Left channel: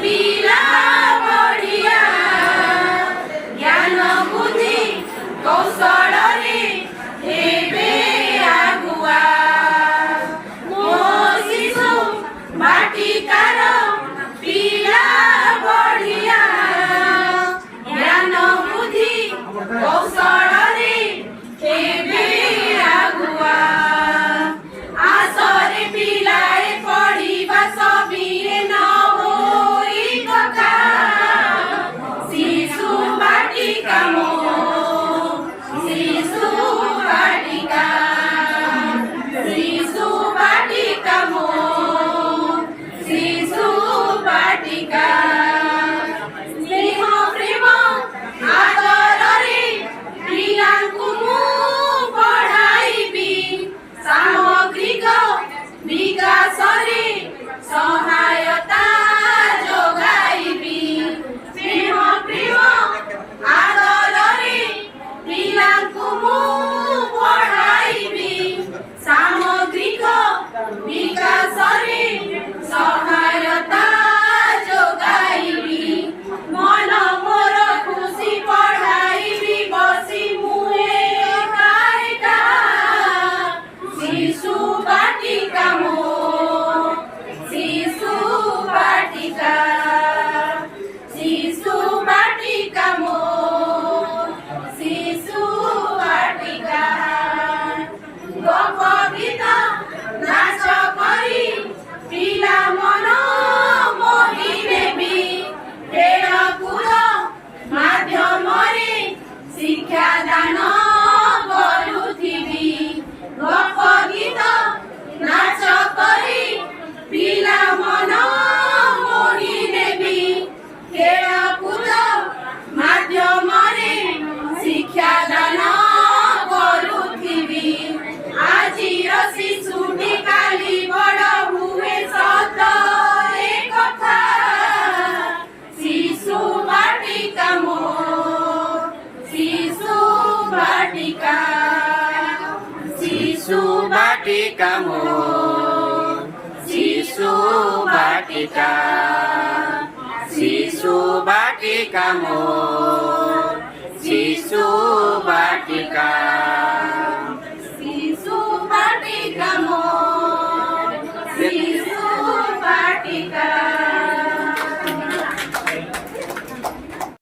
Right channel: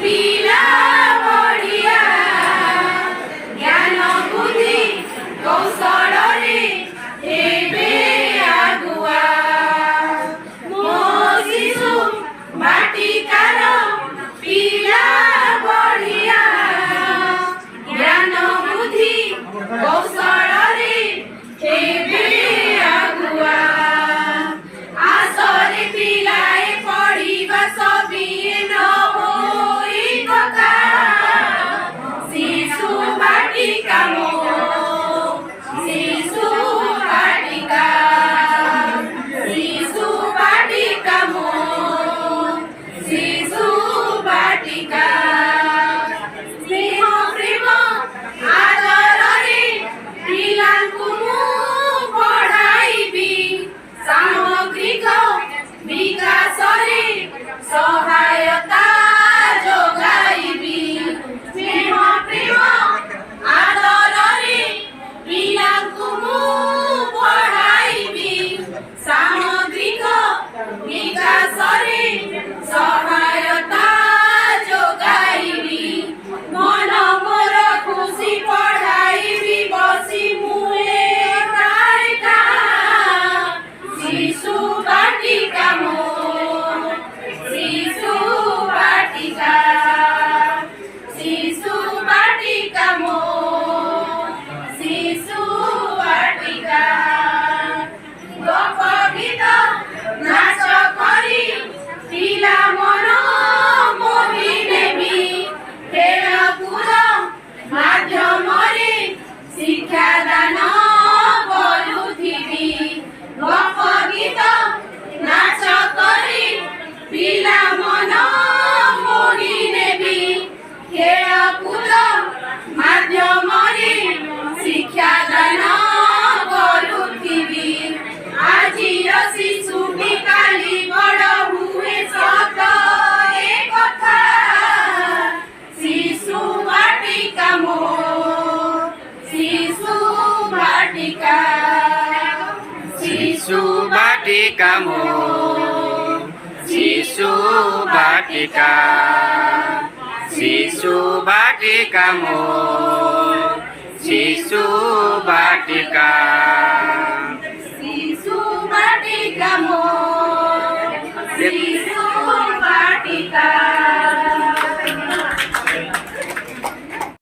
ପିଲା ବଢିଆ ଜ୍ଞାନ ବୁଦ୍ଧି କୌଶଳରେ ହେବେ ଆଗୁଆ। ମୋ ଶିଶୁ ବାଟିକାର ପିଲା ବଢିଆ ଜ୍ଞାନ ବୁଦ୍ଧି କୌଶଳରେ ହେବେ ଆଗୁଆ। ଆସରେ ପିଲାଏ ପଢିବା ସବିଏ ନ ହୋଇ କକା ଶିଶୁ ବାଟିକା ମୋ ଶିଶୁ ବାଟିକା ଶିଶୁ ବାଟିକା ମୋ ଶିଶୁ ବାଟିକା। ସ୍ନେହ ପ୍ରେମ ଆଦରରେ ପିଲାଙ୍କୁ ମୁଁ ପଢ଼ାଇବି ସାମଗ୍ରିକ ବିକାଶରେ ସହାୟତା ଯୋଗାଇବି। ସ୍ନେହ ପ୍ରେମ ଆଦରରେ ପିଲାଙ୍କୁ ମୁଁ ପଢ଼ାଇବି ସାମଗ୍ରିକ ବିକାଶରେ ସହାୟତା ଯୋଗାଇବି। ମନ ମୋର ଖୁସି ପଢ଼ାଇବି ବସି ମୁଁ ଏକା ଶିଶୁ ବାଟିକା ମୋ ଶିଶୁ ବାଟିକା ଶିଶୁ ବାଟିକା ମୋ ଶିଶୁ ବାଟିକା। ଗପ ଗୀତ ନାଚ କରି ପିଲା ମନ ମୋହି ନେବି ଖେଳକୁଦ ମାଧ୍ୟମରେ ଶିକ୍ଷାଦାନ କରୁଥିବି। ଗପ ଗୀତ ନାଚ କରି ପିଲା ମନ ମୋହି ନେବି ଖେଳକୁଦ ମାଧ୍ୟମରେ ଶିକ୍ଷାଦାନ କରୁଥିବି। ଆଜିର ଶିଶୁଟି କାଲି ବଡ଼ ହୁଏ ସତ ଏ କଥା ଶିଶୁ ବାଟିକା ମୋ ଶିଶୁ ବାଟିକା শিশু বাটিকা মো শিশু বাটিকা শিশু বাটিকা মো শিশু বাটিকা।